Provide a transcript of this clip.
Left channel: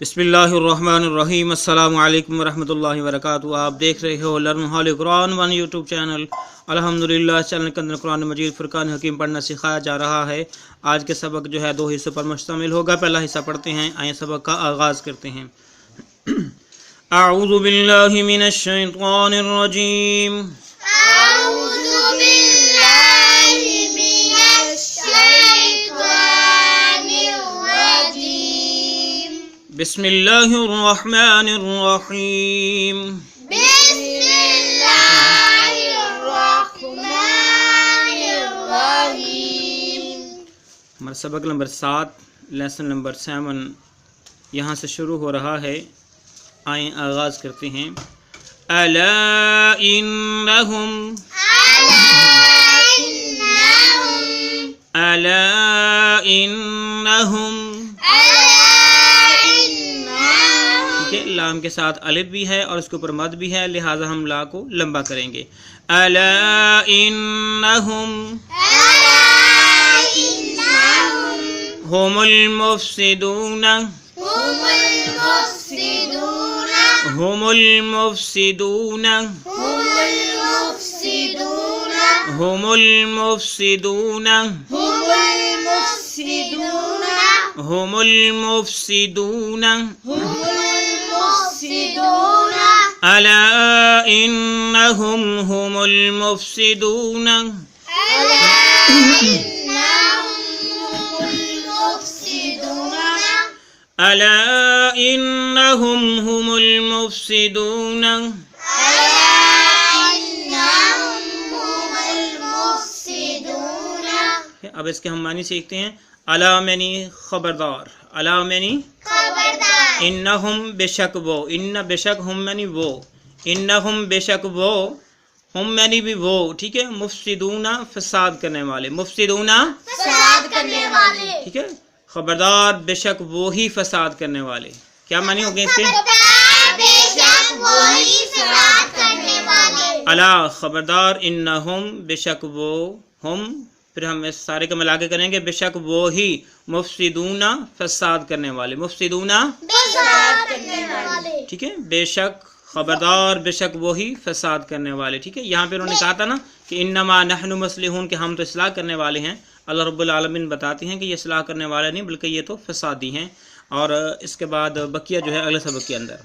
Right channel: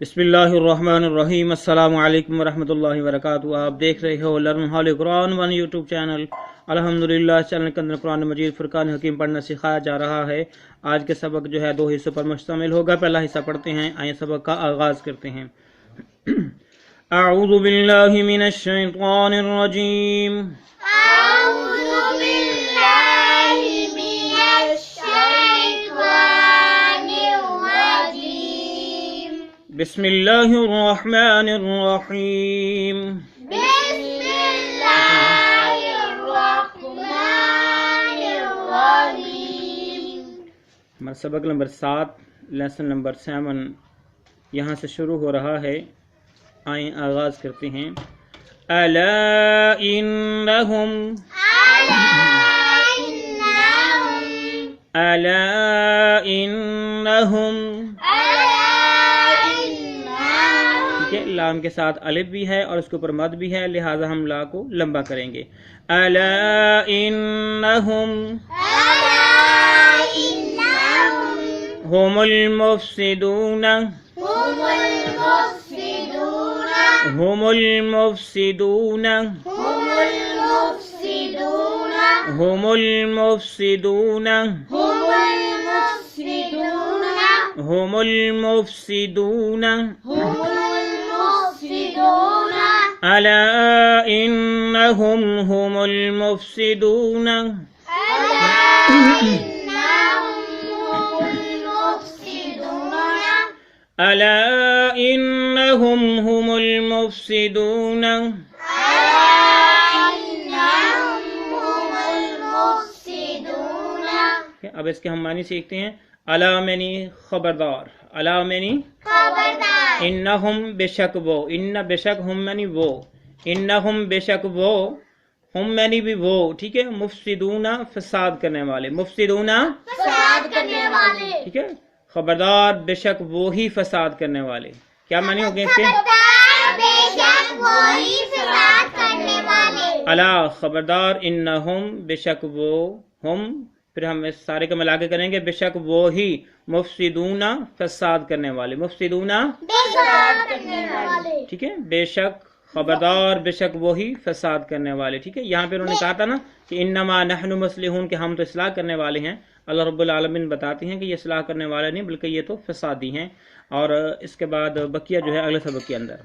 بسم اللہ الرحمن الرحیم۔ السلام علیکم ورحمۃ اللہ وبرکاتہ۔ آپ دیکھ رہے ہو لرن قرآن ون یوٹیوب چینل۔ الحمدللہ چینل کے اندر قرآن مجید فرقان حکیم پڑھنا سکھایا جا رہا ہے۔ آج کے سبق جو ہے 2 حصوں پر مشتمل ہوگا۔ پہلا حصہ پڑھتے ہیں، آئیں سبق کا آغاز کرتے ہیں۔ اعوذ باللہ من الشیطان الرجیم۔ بسم اللہ الرحمن الرحیم۔ بسم اللہ الرحمن الرحیم۔ ہمارا سبق نمبر 7 لیسن نمبر 7 یہاں سے شروع ہو رہا ہے۔ آئیں آغاز کرتے ہیں۔ الا انہم الا انہم لام کے ساتھ الف بھی ہے اور اس کے اوپر مد بھی ہے، لہٰذا ہم لا کو لمبا کریں گے۔ الا انہم هم المفسدون هم المفسدون هم المفسدون هم المفسدون الا انہم هم المفسدون الا انہم هم المفسدون۔ اب اس کے ہم معنی سیکھتے ہیں۔ الا معنی خبردار، الا معنی انہم بے شک وہ، ان بے شک ہم معنی وہ، انہم بے شک وہ، ہم معنی بھی وہ، ٹھیک ہے۔ مفسدون فساد کرنے والے، مفسدون فساد کرنے والے، ٹھیک ہے۔ خبردار بے شک وہی فساد کرنے والے، کیا معنی ہو گئے اس کے؟ بے شک وہی فساد کرنے والے۔ الا خبردار، انہم بے شک وہ، ہم پھر ہم اس سارے کو ملا کے کریں گے، بے شک وہی مفسدون فساد کرنے والے، مفسدون فساد کرنے والے، ٹھیک ہے۔ بے شک خبردار بے شک وہی فساد کرنے والے، ٹھیک ہے۔ یہاں پہ انہوں نے کہا تھا نا کہ انما نحن مصلحون، کہ ہم تو اصلاح کرنے والے ہیں۔ اللہ رب العالمین بتاتے ہیں کہ یہ اصلاح کرنے والے نہیں بلکہ یہ تو فسادی ہیں۔ اور اس کے بعد بقیہ جو ہے اگلے سبق کے اندر۔